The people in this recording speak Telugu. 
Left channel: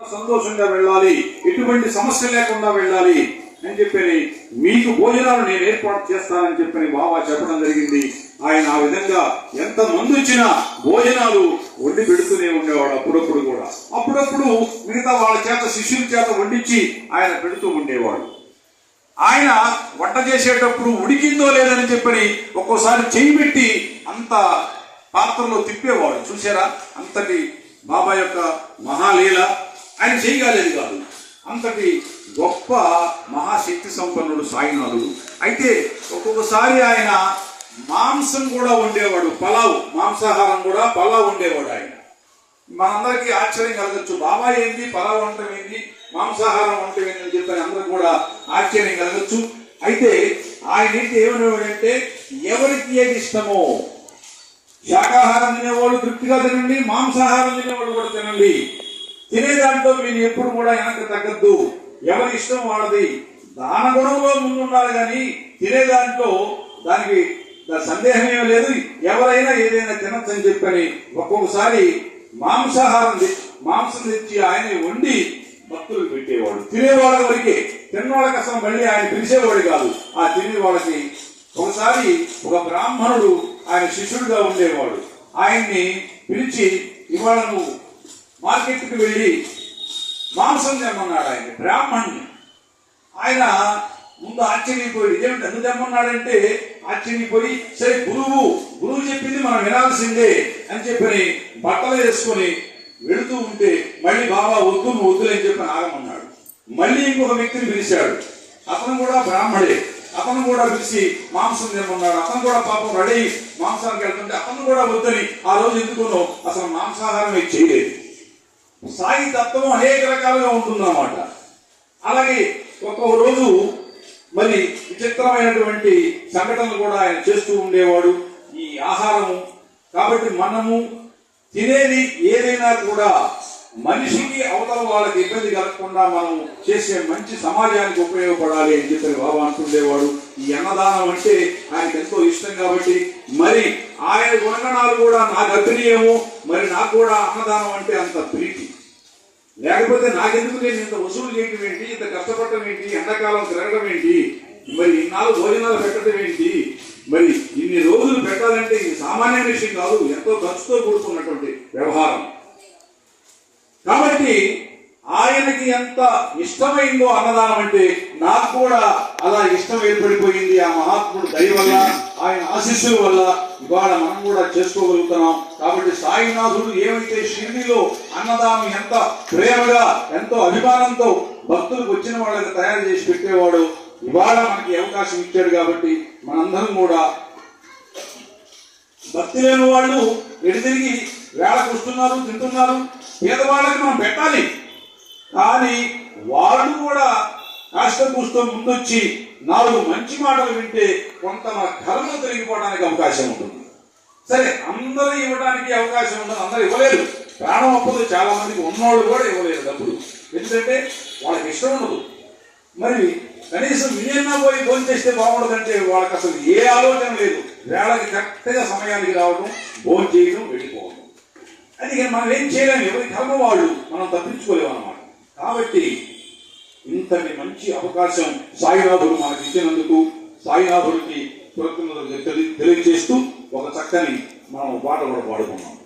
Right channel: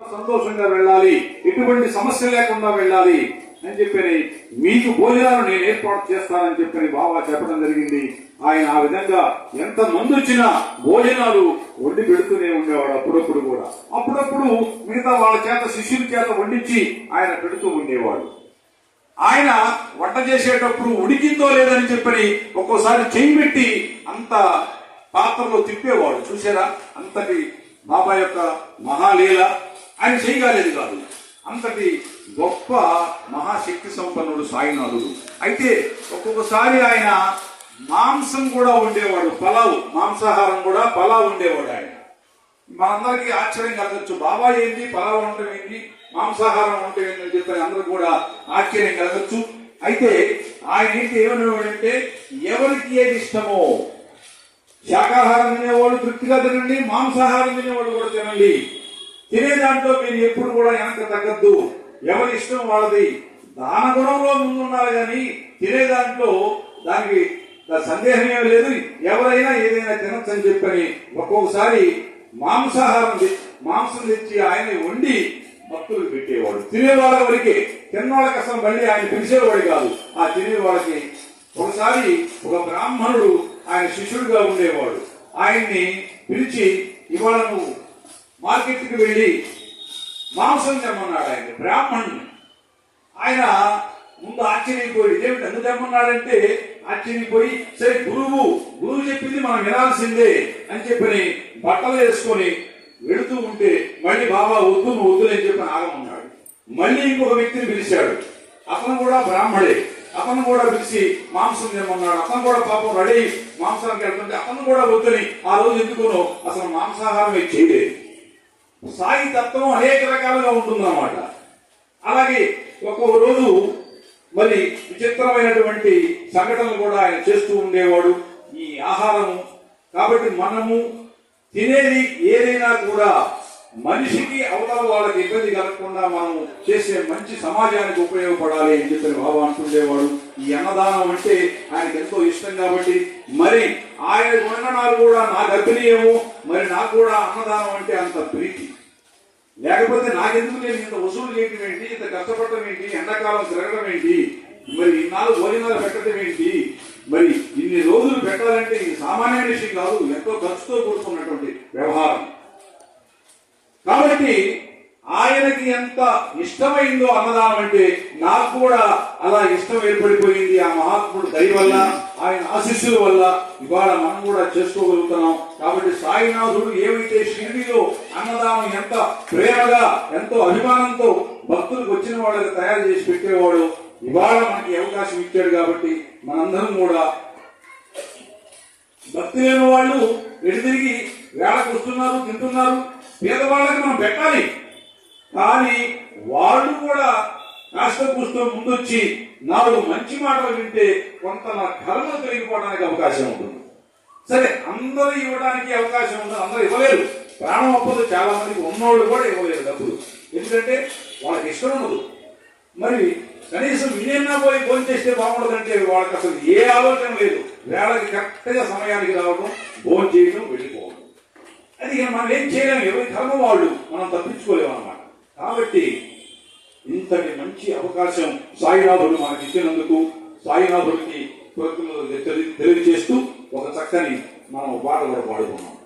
సంతోషంగా వెళ్ళాలి, ఎటువంటి సమస్య లేకుండా వెళ్ళాలి అని చెప్పని మీకు భోజనాలు నేను ఏర్పాటు చేస్తానని చెప్పని బాబా చెప్పడం జరిగింది. ఆయన ఆ విధంగా ఎంత మంది వచ్చినా భోజనాలు వండి పెడుతూనే ఉండేవాడు. అప్పుడప్పుడు కూడా అప్పుడప్పుడు మిగతా వాళ్ళ చేత శిష్యుల చేత వండించి ఆయన పెడుతూ ఉండేవాడు. ఆయన వంట చేసేటప్పుడు ఉడికిందో లేదని చెప్పని ఒక్కోసారి చేయి పెట్టి అంత పాత్రలో తిప్పేవాడు. చూసారా, అంతటి బాబా యొక్క మహాలీల. ఆయన చేయగలేదు కాదు, అంతటి గొప్ప మహాశక్తి సంపన్నుడు సాయినాథుడు. అయితే ఒక్కొక్కసారి ఆయన మాంసం కూడా వండేవాడు, పలావ్, మాంసాహారం కూడా పలావ్ వండేవాడు. ఆయన మనందరికీ ఆశ్చర్యం కలగచ్చు, బాబా ఏంటి పలావ్ వంటం ఏంటి, మాంసాహారం వంటం ఏంటి అని చెప్పని అందరికి కూడా ఆశ్చర్యం కలగచ్చు. అయితే ఆయన ఏంటి ఏమనేవాడంటే, ఎవరికి ఏది ఇష్టమో శాకాహారం తినేవాళ్ళు తృప్తిగా తినండి, మాంసాహారం తినేవాళ్ళు కూడా తినండి. తినేదాంట్లో మీరు ఎప్పుడు కూడా వెనక తగ్గద్దు, ఎవరి ఇష్టం వాళ్ళది. దాన గుణంలో ముందున్నారు కానీ తినేదాంట్లో దానికి సందేహం ఏమీ లేదు. ఎవరైనా ఏదైనా తినచ్చని చెప్పని ఒక్కొక్కసారి మాంసం తెచ్చి ఆయన వండి భక్తులకు పెట్టేవాడు. తినేవాళ్ళ వరకే, తిన్నవాళ్ళకి అసలు మళ్ళీ ఆయన పిలిచేవాడు కాదు. ఆ తినేవాళ్ళకి ఒకసారి ఒక బ్రాహ్మణుడు ఆయన శిష్యుడిగా ఉండేవాడు. ఆయన్ని పిలిచి, ఇవాళ నువ్వు మార్కెట్కి వెళ్ళి మాంసం తెమ్మన్నాడు ఆయన బ్రాహ్మణ్ణి. ఆయన ముందు ఆశ్చర్యపోయి, ఇదేమిటి ఎందుకు తెమ్మన్నాడంటే ఆశ్చర్యపోయి, సరే గురువు చెప్పింది మనం వినాల్సిందే అని చెప్పని బట్టలు వేసుకొని వెళుతూ ఉంటే మళ్ళీ బాబా వద్దు నువ్వు వద్దులేని చెప్పని ఆగమన్నాడు. మళ్ళీ ఇంకొక వ్యక్తిని పిలిచాడు, అతను కూడా బ్రాహ్మడే. అతను కూడా పిలిచి మాంసం తినమన్నాడు. అతను కూడా పాపం రెడీ మాంసానికి వెళ్తుంటే అతను కూడా వద్దని ఆ రోజు ఎందుకునో అసలు మాంసాహారం చేయలేదు. సాయి తత్వం అనేక రకాలుగా ఉంటుందన్నమాట. అలాగే ఒక్కొక్క రోజు మరి విచిత్రమైనటువంటి సంఘటనలు కూడా ఆయన చేస్తూ ఉండేవాడు. ఈ ఆహారము కాబట్టి మనము తినేది ఏదైనా కూడా మనిషికి అవతల వాళ్ళకి ఇబ్బంది కలగకుండా మనం చేసే మంచి సమాజానికి ఉపయోగపడాలి అని చెప్పి బాబా అంటుండేవాడు. ఈ అన్నదానం అంటే ఆయనకు ఎంతో ఇష్టం కాబట్టి మరి ఆయన గుణగణాలు కూడా నాకు అభినయము, మరి నాకు కూడా అన్నదానం అంటే అంత ప్రీతి. లేకపోతే నాకెందుకు నేను ఇంత వసూలు చేయడం ఏంటి, ఇంత కష్టపడటం ఏంటి, ఎండాకాలం తిరగడం ఏంటి, మరి ఇన్నాళ్ళు భోజనాలు పెట్టడం ఏంటి, మరి ఇన్ని రోజులు పెట్టాలంటే ఇది సామాన్య విషయం కాదు, ఎంతో ఖర్చుతో కూడుకున్నటువంటి వ్యవహారం. కాబట్టి ఆయనకి ఎంత ఇష్టమైందో అన్నదానం అంటే నాకు కూడా అలా ఇష్టం ఏర్పడిపోయింది. ఆ మహాత్ముడు దయ వల్ల, ఆయన ఆశీస్సుల వల్ల ఇవాళ మనం కూడా చేసుకోగలుగుతున్నాం. కాబట్టి సాయినాథుడు ఏమైతే షిరిడీలో అన్నదానం ఎంత ప్రేమగా ఎంతో అభిమానంతో భక్తులకు వచ్చిన వాళ్ళకి తయారు చేసి పెట్టేవాడు, ఇవాళ మనకి అవకాశం ఇచ్చాడు. కాబట్టి మనందరం కూడా భక్తి లేని వాళ్ళు ఎటు తిరిగి వేళకు వస్తున్నారు, తింటున్నారు. పేదవాళ్ళకి మనం పెట్టాలి, కానీ వాళ్ళు కూడా కాస్త కూస్తో ముందొచ్చి 4 మంచి మాటలు వింటే కొంత మన కర్మలు తిరిగిపోవడానికి అవకాశం ఉంటుంది. సరే, అందరూ ఇవ్వడానికి అవకాశం ఉంటుంది, అందరూ ఇవ్వలేరు. ప్రాణం అప్పదు, చాలా మందికి ఉన్నవాళ్ళు కూడా ఇవ్వలేరు డబ్బులు, ఎందుకంటే వాళ్ళకి ఇష్టం ఉండదు. మరి కనీసం వినేనా పోయి భోజనం చేస్తే బాగుండదంటే వాళ్ళకి అసలు ఏ ఆలోచన లేదు. వేళకి కరెక్ట్గా సమయానికి రావడం, భోజనం చేయడం, వెళ్ళిపోవడం. అది మనం ఏం చేయలేము, ఎవరి కర్మ వాళ్ళు, మనం తప్పించుకోలేము అన్నమాట. కాబట్టి ఇంతటి మంచి అవకాశం సాయినాథుడు మనకి ఇచ్చినందుకు సాయినాథుడికి కృతజ్ఞతలు తెలియజేస్తూ ఒక చక్కని మనం పాట కూడా పాడుకున్నాం.